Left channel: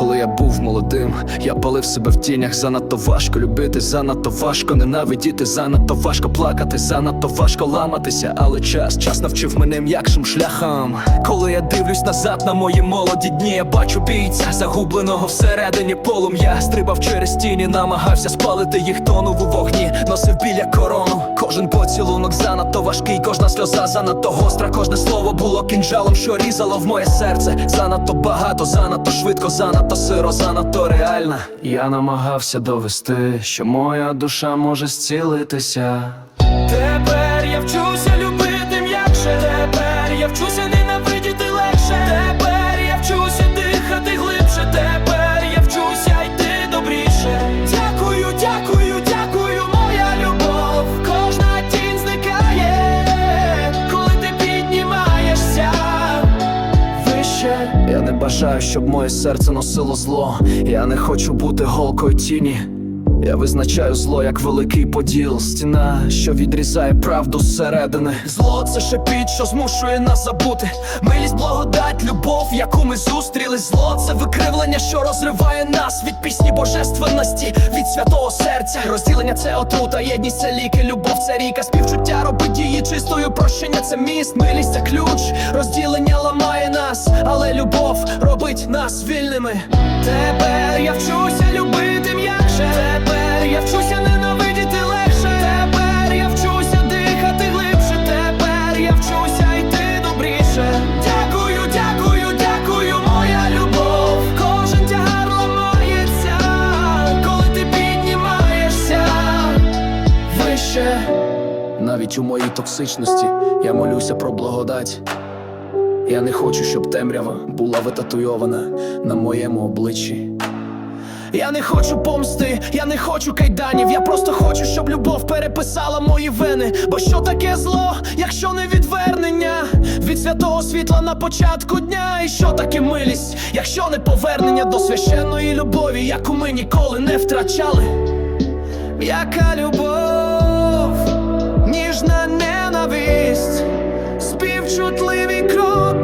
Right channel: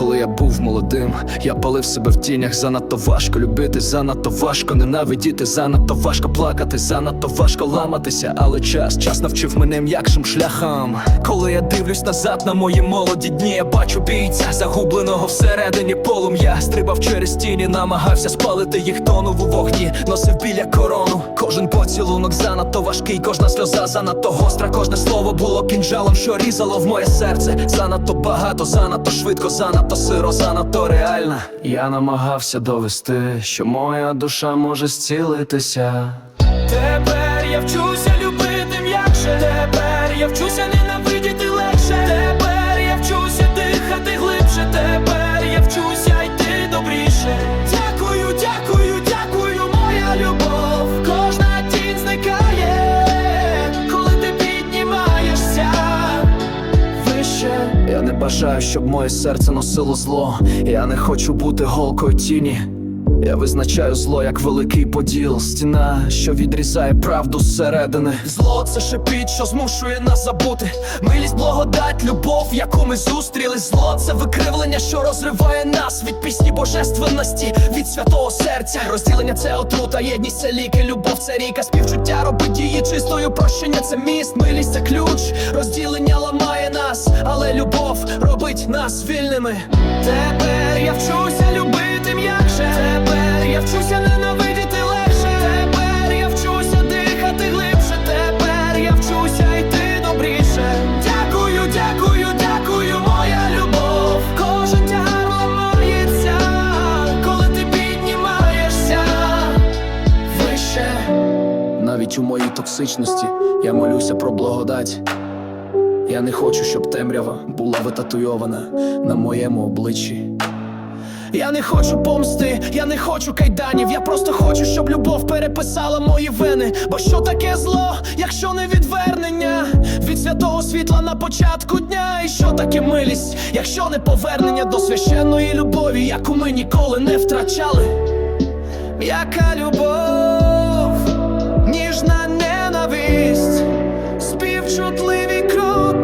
Коли я був молодим, я палив себе в тінях. Занадто важко любити, занадто важко ненавидіти, занадто важко плакати, занадто важко ламатися. Але час, час навчив мене м'якшим шляхам. Коли я дивлюсь назад на мої молоді дні, я бачу бійця, загубленого всередині полум'я. Стрибав через тіні, намагався спалити їх тонув у вогні, носив біля корону. Кожен поцілунок занадто важкий, кожна сльоза занадто гостра, кожне слово було кінжалом, що різало в моє серце. Занадто багато, занадто швидко, занадто сиро, занадто реальна. Я намагався довести, що моя душа може зцілитися. Тепер я вчуся любити м'якше. Тепер я вчуся ненавидіти Я не бажаю, щоб моє серце носило зло. Я не хочу бути голкою тіні. Я визначаю зло як великий поділ, стіна, що відрізає правду зсередини. Зло це шепіт, що змушує нас забути. Милість, благодать, любов, яку ми зустріли. Зло це викривлення, що розриває нас від пісні божественності, від святого серця. Розділення це отрута, єдність це ліки, любов це ріка, співчуття робить дії чистою. Прощення це міст, милість це ключ. Розділення ламає нас, але любов робить нас вільними. Тепер я вчуся любити м'якше. Тепер я вчуся ненавидіти легше. Тепер я вчуся дихати глибше. Тепер я вчуся йти добріше. Дякую, дякую, дякую, моя любов. Кожен тягар ламається, коли ти піднімаєшся вище. Навіть у моїй токсичності я молюся про благодать. Я не хочу, щоб темрява була витатуйована на моєму обличчі. Я не хочу помсти, я не хочу кайданів. Я просто хочу, щоб любов переписала мої вени. Бо що таке зло, якщо не відвернення від святого світла на початку дня? І що таке милість, якщо не повернення до священної любові, яку ми ніколи не втрачали? Яка любов, ніжна ненависть, співчутливі кроки.